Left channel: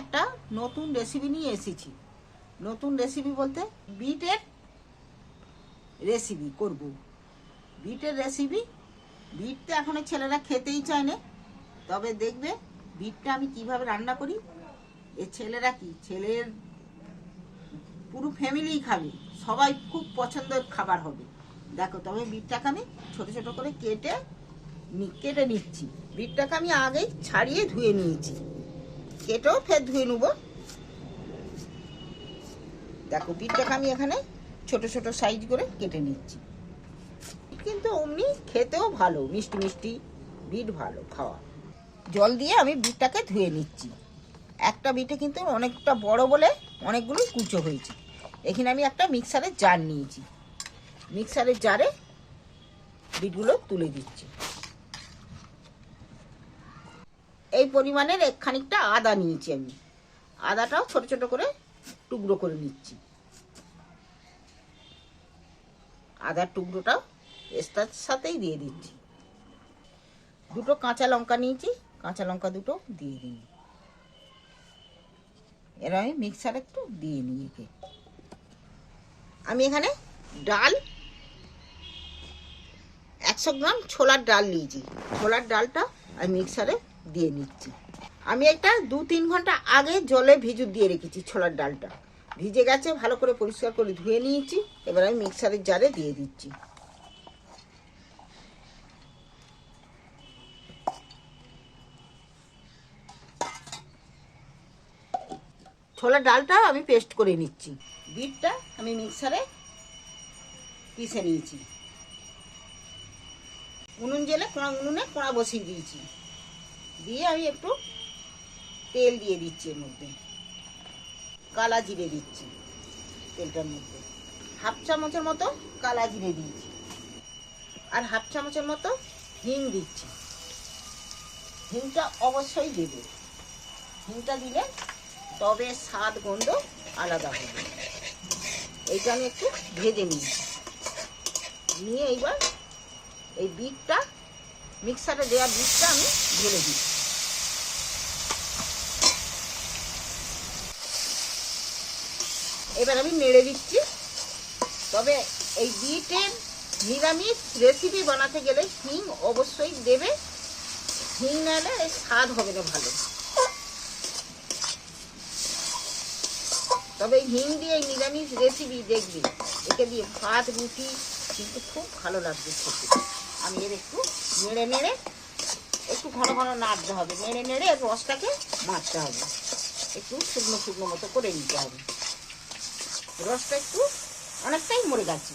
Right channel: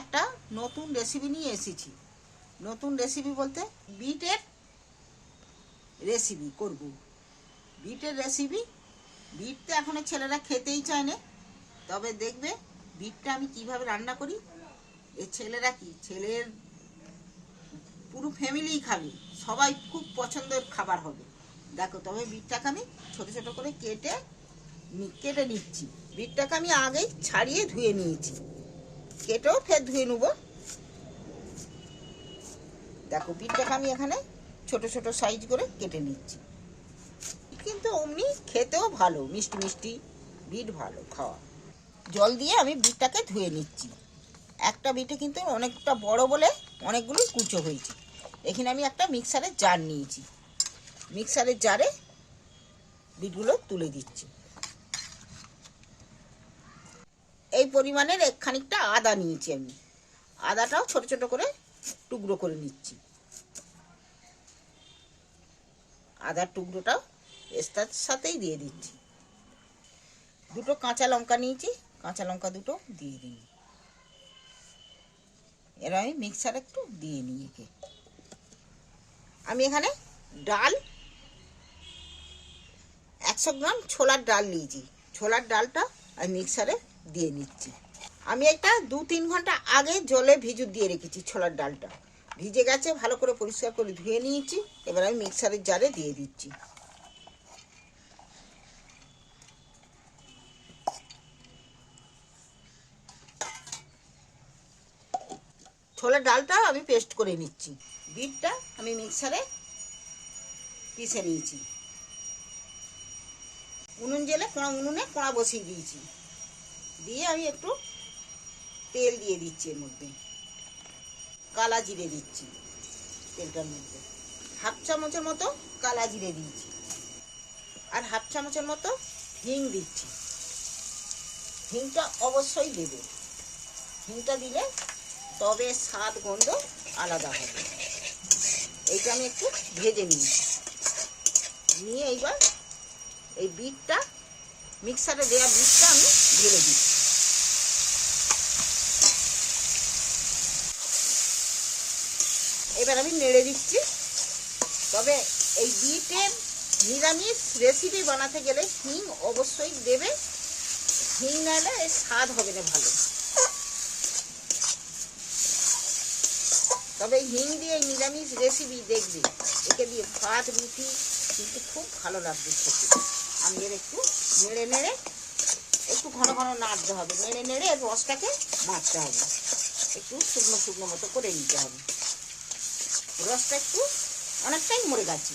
একটা নতুন রেসিপি নিয়ে এসেছি। নতুন রেসিপি বলতে বিটের রেসিপি করব। বিটের রেসিপি বিট তো এখন ছেলেরা খেতেই চায় না। তবে দেখবে বিটটা আমি কীভাবে রান্না করি, এ ছেলেরা কি? ছেলের পুরো ফ্যামিলিই খাবে, সবাই খুব পছন্দের খাবার হবে। দেখো, তবে বিটটাকে আমি ছোট ছোট করে কেটে কেটে নিচ্ছি। বিটটাকে আমি আগেই ছাড়িয়ে ধুয়ে নিয়েছি। কেটেও ফের ধুয়ে নেব। দেখো বিটটাকে আমি এখানে ছোট ছোট সাইজ করে কেটে নিচ্ছি। কিন্তু অমনি খেতেও ভালো, মিষ্টি মিষ্টি, বিট ভালো খাওয়া। জল দিয়ে আমি বিটটাকে ধুয়ে নিচ্ছি। একটা বিটে কিন্তু অনেকটা বড় বলে অনেকগুলো কুচো হয়েছে। এখানে আমি একটা মিক্সারের জার নিয়েছি। মিক্সারের জারে বিটগুলো তুলে দিচ্ছি এই পরিমাণের এক খানিকটা আদা নিয়েছি আমি। আদাটাও ছোট ছোট করে টুকরো করে নিচ্ছি। আদার টুকরোটা এস্তার সাথেই দিয়ে দিচ্ছি। দুটো কাঁচা লঙ্কা নিয়েছি, কাঁচা লঙ্কা দুটো দিয়ে দিই। এরা আমি মিক্সার একটু দিয়ে নিই একে। আমি এখানে ডাল, একশো গ্রাম ছোলার ডাল নিয়েছি। ছোলার ডালটা আমি মিক্সারে দিয়ে নিচ্ছি। আমি একটা দু তিন ঘণ্টা আগে জলে ভিজু দিয়ে রেখেছি ছোলার ডালটা। ভিজে গেছে, ভালো করে পরিষ্কার করে ধুয়ে নিয়েছি। এবার আমি মিক্সারের জারে দিয়ে দিচ্ছি। ছোলার ডালটা আমি পেস্ট করে নিচ্ছি। বিটটা আমি মিক্সারে পিষে নিয়েছি। উনুন জেলে কোড়া উনুনে কোড়া বসিয়ে দিয়েছি। দিয়ে আমি একটু তেল দিয়ে দিচ্ছি এর মধ্যে। কালা জিরে দিচ্ছি তেলটার মধ্যে। হাফ চামচের মতো কালা জিরে দিয়েছি আর হাফ চামচের মতো হিং দিচ্ছি। হিংটা অবশ্যই দেবে। হিংটা দিলে তবে স্বাদ, গন্ধ আলাদা হবে। এইটা আমি একটু ভেজে নিই নিয়ে এইবার এই বিটটা, মিক্সারে দেওয়া বিটটা আমি ঢেলে দিই এবার আমি নেড়ে দিচ্ছি। তবে এই বিটের নিরামিষ রেসিপি বানাতে গেলে হিং অবশ্যই দেবে। হিং নাহলে এর স্বাদ হবে না ভালো। তবে হিং দিয়ে নিরামিষ রেসিপি দেখবে। একে দিয়ে ভাত, রুটি কিন্তু খুব ভালো লাগবে খেতে। আমি এর একটু নেড়ে নেড়ে একটু ঘন ঘন নাড়তে হবে। নেড়ে নেড়ে রসটাকে মারতে হবে। একটু শুকনো শুকনো মতো করে নিতে হবে। রসটা একটু অনেকটাই মরে গেছে।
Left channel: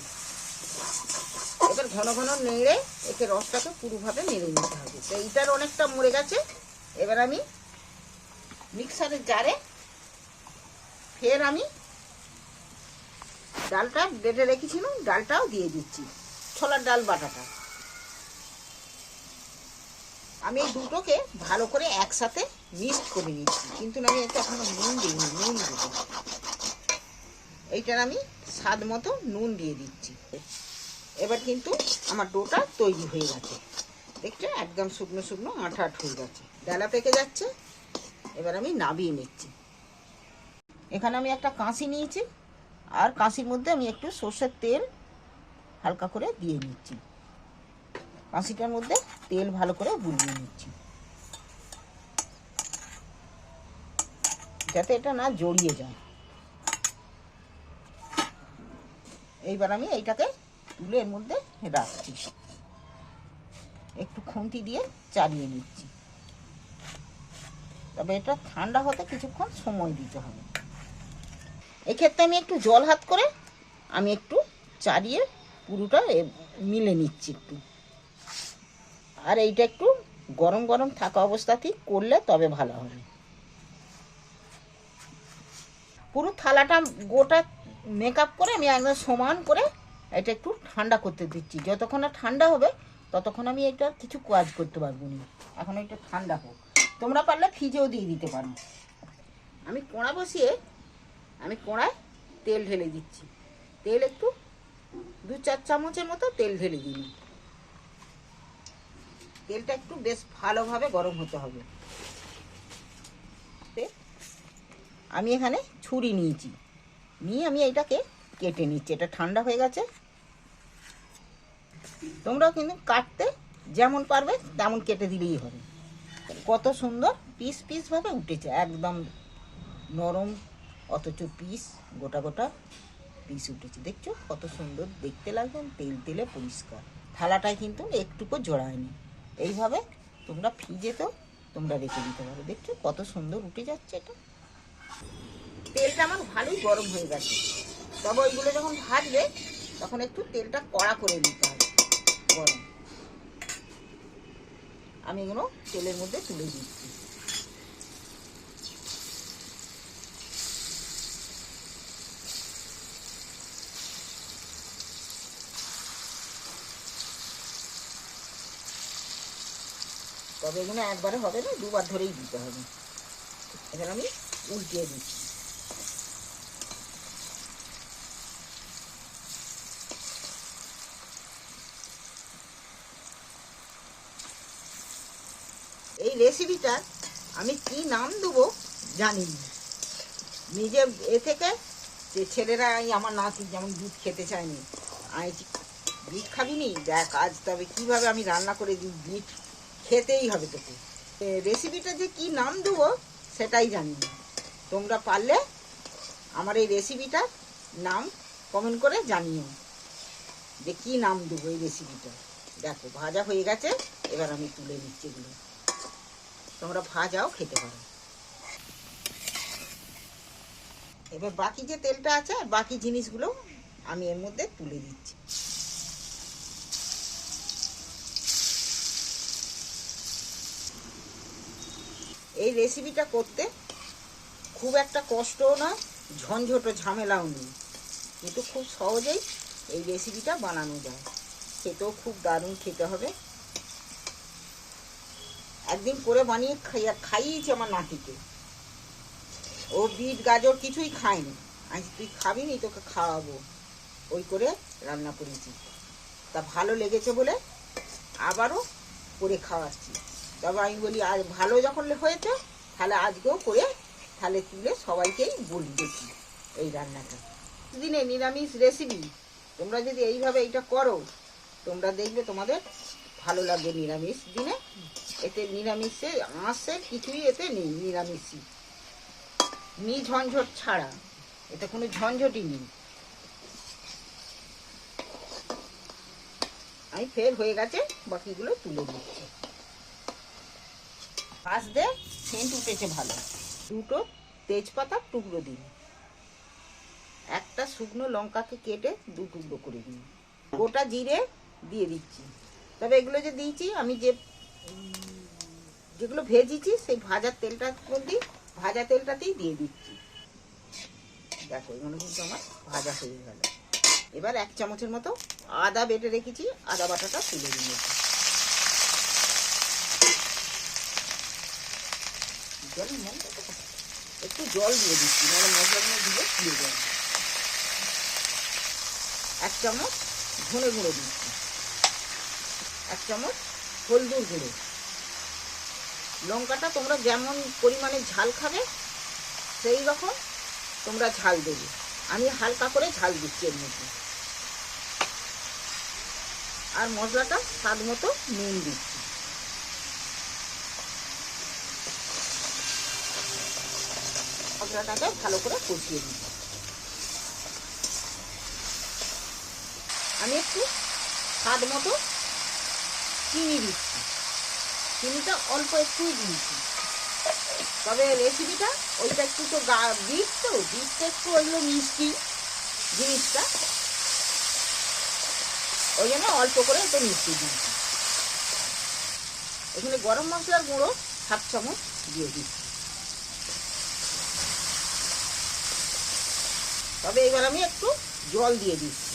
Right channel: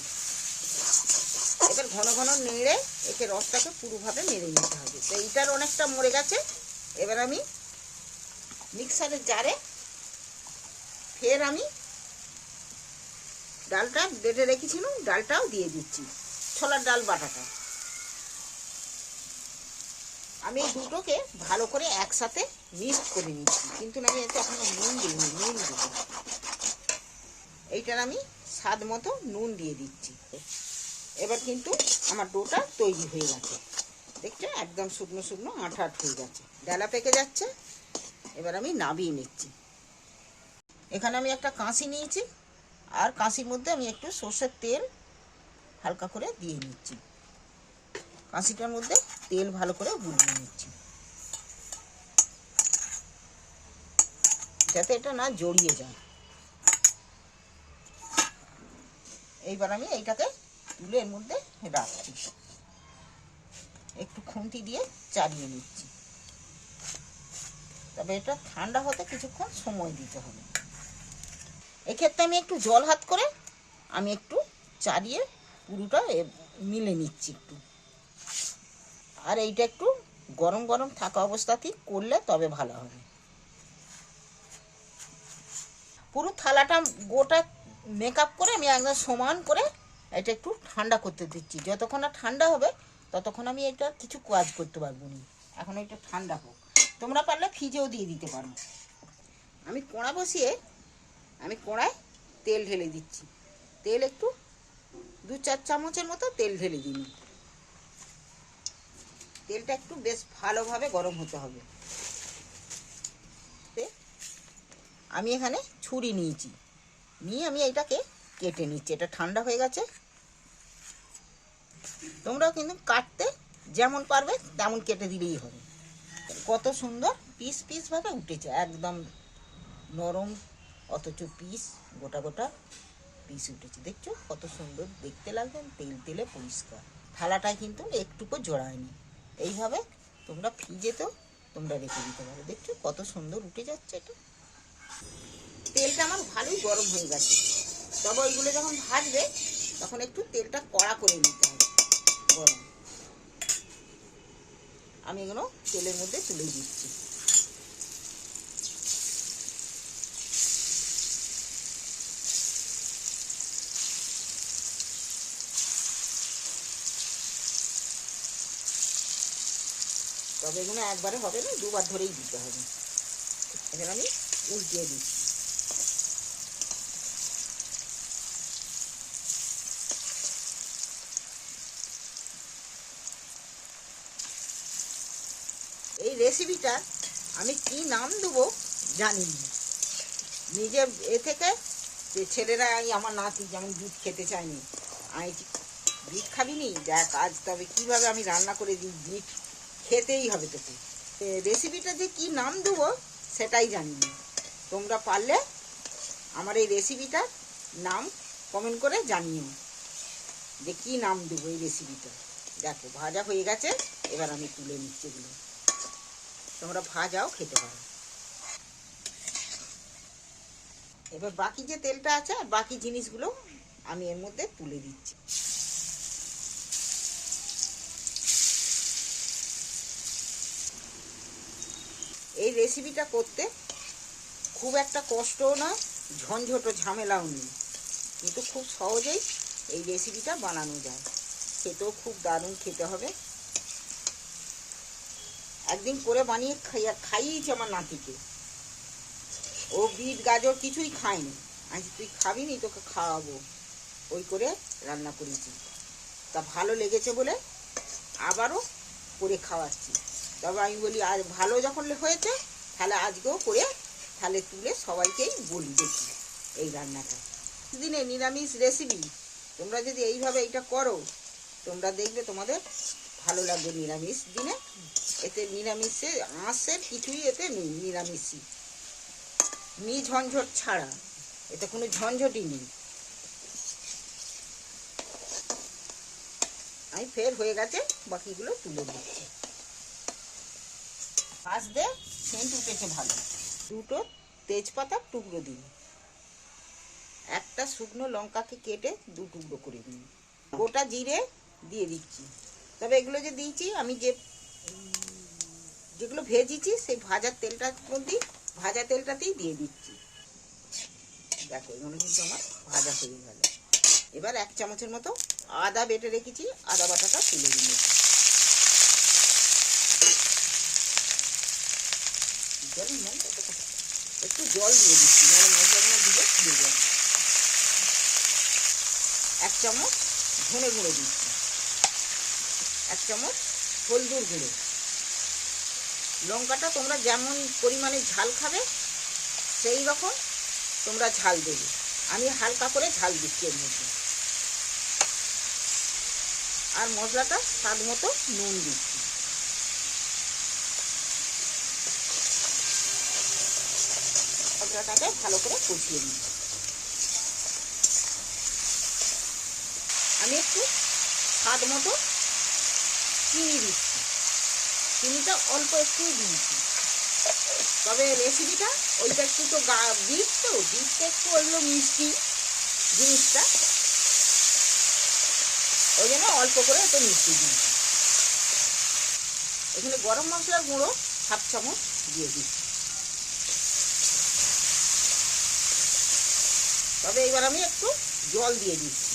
এবার ঘন ঘন নেড়ে এতে রসটাকে পুরোভাবে মেরে নিতে হবে। তো এইটার অনেকটা মরে গেছে। এবার আমি মিক্সারের জারে ফের আমি ডালটা বেটে রেখেছিলাম ডালটাও দিয়ে দিচ্ছি, ছোলার ডাল বাটাটা। আমি এই দুটোকে ভালো করে একসাথে মিক্সড করে নিচ্ছি। কিন্তু আমি এখনও নুন দিইনি, নুন দেবো এইটার আমি স্বাদ মতো নুন দিয়ে দিচ্ছি। এবার কিন্তু আমার ডোটা তৈরি হয়ে গেছে। দেখছ একদম শুকনো শুকনো আঠা আঠ হয়ে গেছে। ডালা পেকে যাচ্ছে। এবার আমি নাবিয়ে নিচ্ছি। এখানে আমি একটা কাঁচি নিয়েছি। আর কাঁচির মধ্যে আমি একটু সর্ষের তেল হালকা করে দিয়ে নিচ্ছি। কাঁচিটার মধ্যে তেল ভালো করে বুলিয়ে নিচ্ছি। যাতে এটা না জড়িয়ে যায়। এইবার আমি এইটাকে তুলে এর মধ্যে রাখছি। একটু খুন্তি দিয়ে চালিয়ে নিচ্ছি। তবে এটা ঠান্ডা হতে কিছুক্ষণ সময় দিতে হবে। এক্ষেত্রে আমি একটু জল হাত করে আমি একটু চালিয়ে পুরোটা মিলে নিচ্ছি একটু। আর এইটা একটু গরম গরম থাকা অবস্থাতেই করলে তবে ভালো হবে। পুরো থালাটা গোটা মেকআপ করে আমি একদম সমান করে এটা একটু ঠান্ডা করতে দিচ্ছি। যতক্ষণ না ঠান্ডা হবে, ততক্ষণ আমি এটা কিছু কাজ করতে পারব না। এখন এটা ঠান্ডা হোক। তোমরা পারলে ফ্রিজেও দিয়ে দিতে পারো। আমি কোড়া বসিয়ে, আমি কোড়ায় তেল ঢেলে দিচ্ছি। তেল একটু দু চার চামচের মতো তেল ঢেলে দিন তেলটা একটু বেশ ভালোভাবে গরম হতে হবে। আমি এখানে ছুরি নিয়েছি। নিয়ে আমি এইটাকে কেটে নিচ্ছি। এটা ঠান্ডা হয়ে গেছে। তোমরাও কিন্তু কাটতে যেমন পারবে, তেমন কেটে দিলেই হবে। কত সুন্দর পিস পিস ভাবে উঠেছে। একদম নরম, অথচ পিস গোটা গোটা পিস উঠেছে। দেখছ কত সুন্দর দেখতে লাগবে তেল তেলে পরিষ্কার। থালাটায় কিন্তু একটুকু জোড়ায়নি। এইভাবে তোমরা ফ্রিজেতেও তোমরা রেখে দিতে পারো। দেখছ কত সুন্দর উঠে যাচ্ছে এটা। তেলটা আমার ভালোই গরম হয়ে গেছে। তবে ওইগুলো যখন ভাজবে, তখন একটু তেলটা কড়া করে নিতে হবে। গরম। আমি এগুলো তেলের মধ্যে তুলে দিচ্ছি। তবে এগুলো একবারে হবে না, দুবার ধরেই দিতে হবে। এখানে আমি উল্টিয়ে দিচ্ছি এই রেসিপিটা আমি কি নাম দেবো জানি না নিজে এ থেকে যে ছেলেরা এই আমার নাতি যেমন দুধ খেতে চায়নি, আমি দুধ খাবি নি দেখ, আজ তবে কীভাবে আমি রান্না করে দিই? দুধ খেতেই হবে তোকে। রেসিপিটা যে কি নাম দেবো সেটাই জানি না তোমরা পারলে আমার এই রেসিপিটার নাম কমেন্ট করে জানিও। যে কী নাম দেবো এই রেসিপিটা দেখো, ভাজা হয়ে গেছে, এবার আমি তুলে নিচ্ছি তোমরা ভাজাও, খেতে পারো এবার বাকি যে তেলটা আছে আর বাকি জিনিসগুলো আমি এর মধ্যে তুলে দিচ্ছি। এই রেসিপিটা করতে খুব একটা কষ্টও না ঝঞ্ঝট ঝামেলাও নেই। কিন্তু খুব সহজেই এই রেসিপিটা বানানো যায়। খেতেও খুব দারুণ খেতে হবে। একদিন করে বানিয়ে খাইয়া খাইয়েছি আমার নাতিকে। ও বিট, গাজর কিছুই খায়নি। আমি তুই খাবি নি, তোকে খাওয়াবো। ওই করে রান্না করেছি। তা ভালো লেগেছে বলে আবারও করে খাওয়াচ্ছি। তবে আমি বলি আর ভালো যখন হয়েছে, তাহলে আজকেও করে তাহলে তুলে সবাইকেই বলি দেখি এই রান্নাটা। দিনে নিরামিষ রেসিপি তোমরা যদি এইভাবে এইটা করো, তোমরা দেখবে তোমাদের ভালো লাগবে নিরামিষ দিনে। এতে নিরামিষে আঁশের কিছুই এতে নেই নিরামিষই। নি ঝঞ্ঝট ছাড়া। এতে কোনো ঝঞ্ঝটই নেই। আমি ফের হয়ে গেছে, বাকিগুলো তুলে দিচ্ছি। পাশ দিয়ে সেন্ট উঠেছে ভালো। দুটো তেজপাতার টুকরো দিন। একটা শুকনো লঙ্কাকে কেটে দু টুকরো করে দিন। গোটা জিরে দিয়ে দিচ্ছি। তবে এগুলো যে দিয়েছি, আমি যে যেগুলো ভেজেছি, সেই ভাজার তেলটার মধ্যেই ভাজা তেলটাতেই দিয়ে দিচ্ছি। দেখো, এগুলো কিন্তু আমার ভাজা হয়ে গেল। এবার এক চামচের মতো আদা বেটে রেখেছি, আদা বাটাটা তুলে কোথায়? একটু জল দিয়ে দিচ্ছি, নাহলে মশলাগুলো দিলে দিয়ে যাবে। এক চামচ ধনে গুঁড়ো দিচ্ছি। এক চামচ হলদুর গুঁড়ো। লঙ্কাটা তোমরা যেমন পরিমাণে ঝাল খাবে, সেই রকম তোমরা ঝাল দেবে। আমি হালকা করে ঝাল দিচ্ছি এর মধ্যে। আর মশলাটা স্বাদ মতো নুন দিচ্ছি। মশলাটাকে ভালো করে কষিয়ে দিচ্ছি আমি একটু স্বাদ মতো চিনি দিচ্ছি। চিনিটা অল্প একটু দিয়েছি। তবে রেসিপিটা ওইটা একটু তো গা বীজ তো বীজটা একটু ওইগুলো মিষ্টি জিনিসটা। ওই জন্য অল্প করে একটু মিষ্টি দিয়েছি। এখানে গরম মশলার গুঁড়ো সাত চামচ দিয়ে দিচ্ছি। তবে এবার আমি একটু জল দিয়ে দিচ্ছি।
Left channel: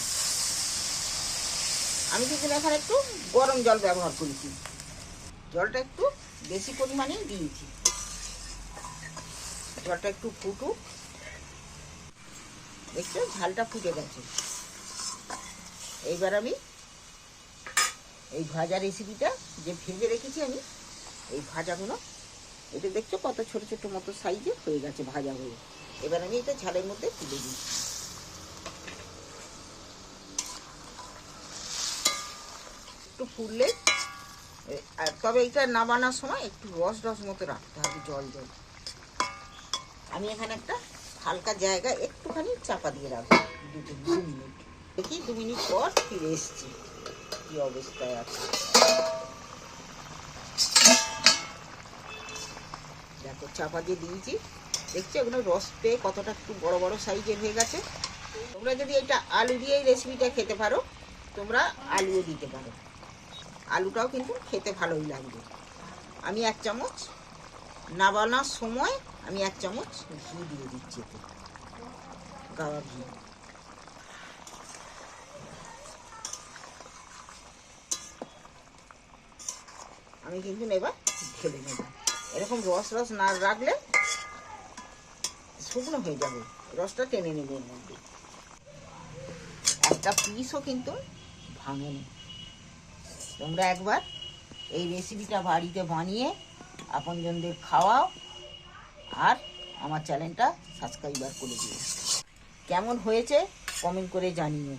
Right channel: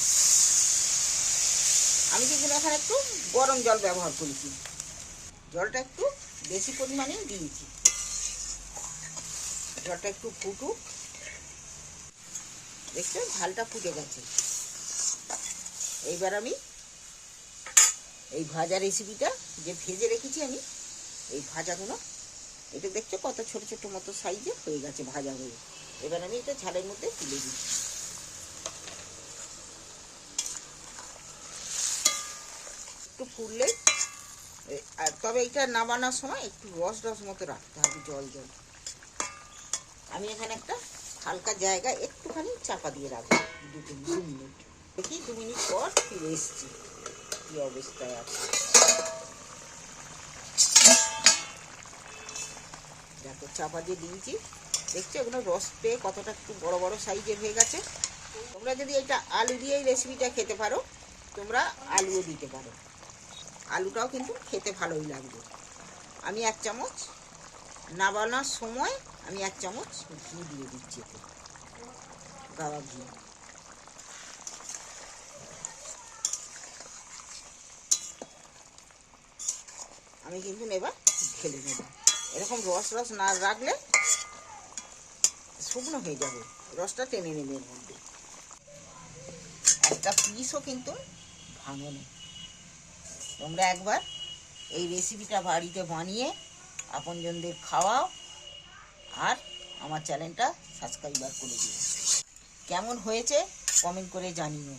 আমি কিন্তু এখানে একটু গরম জল ব্যবহার করেছি। জলটা একটু বেশি পরিমাণে দিয়েছি। জলটা একটু ফুটুক। দেখছ, ঝালটা ফুটে গেছে। এইবার আমি এই ভাজা রেসিপিটা যে ভেজে রেখেছি আমি, এই ভাজাগুলো, এটা দেখছ কত ছোট ছোট মতো সাইজে হয়ে গেছে ভাজা হয়ে এবার আমি এটা ঝালের মধ্যে তুলে দিই। একটু ফুললে এ- আর তবে এটা নামানোর সময় একটু রস রস মতো রাখতে হবে জল জল। আমি এখানে একটা হালকা জায়গায় একটুখানি চাপা দিয়ে রাখব, দু মিনিট। দেখি দু মিনিট পর ফিরে এসছি, কি অবস্থায় আছে। দেখো, চাপা দিয়ে দিয়েছি। দেখছ এগুলো রস পেয়ে কতটা একটু বড় বড় সাইজের হয়ে গেছে। তোমরা যদি এটা আলু দিয়ে রেসিপিটা খেতে পারো, তোমরা আলুও দিতে পারো। আলুটাও কিন্তু খেতে ভালোই লাগবে। আমি এক চামচ নাবানোর সময় আমি এক চামচ ঘি দিয়ে দিচ্ছি এতে। গাওয়া ঘি। আমি কিন্তু এবার ঢেলে নেব। এরকম রস রস না রাখলে শুকনো হয়ে যাবে। রসটা টেনে নেবে মধ্যে। একটা পিসও কিন্তু ভাঙে না। তোমরা একবার এই রেসিপিটা বাড়িতে বানিয়ে আপনজনদের খাওয়াও আর আমার চ্যানেলটা সাবস্ক্রাইবার করে দিও। কেমন হয়েছে কমেন্ট করে জানিও।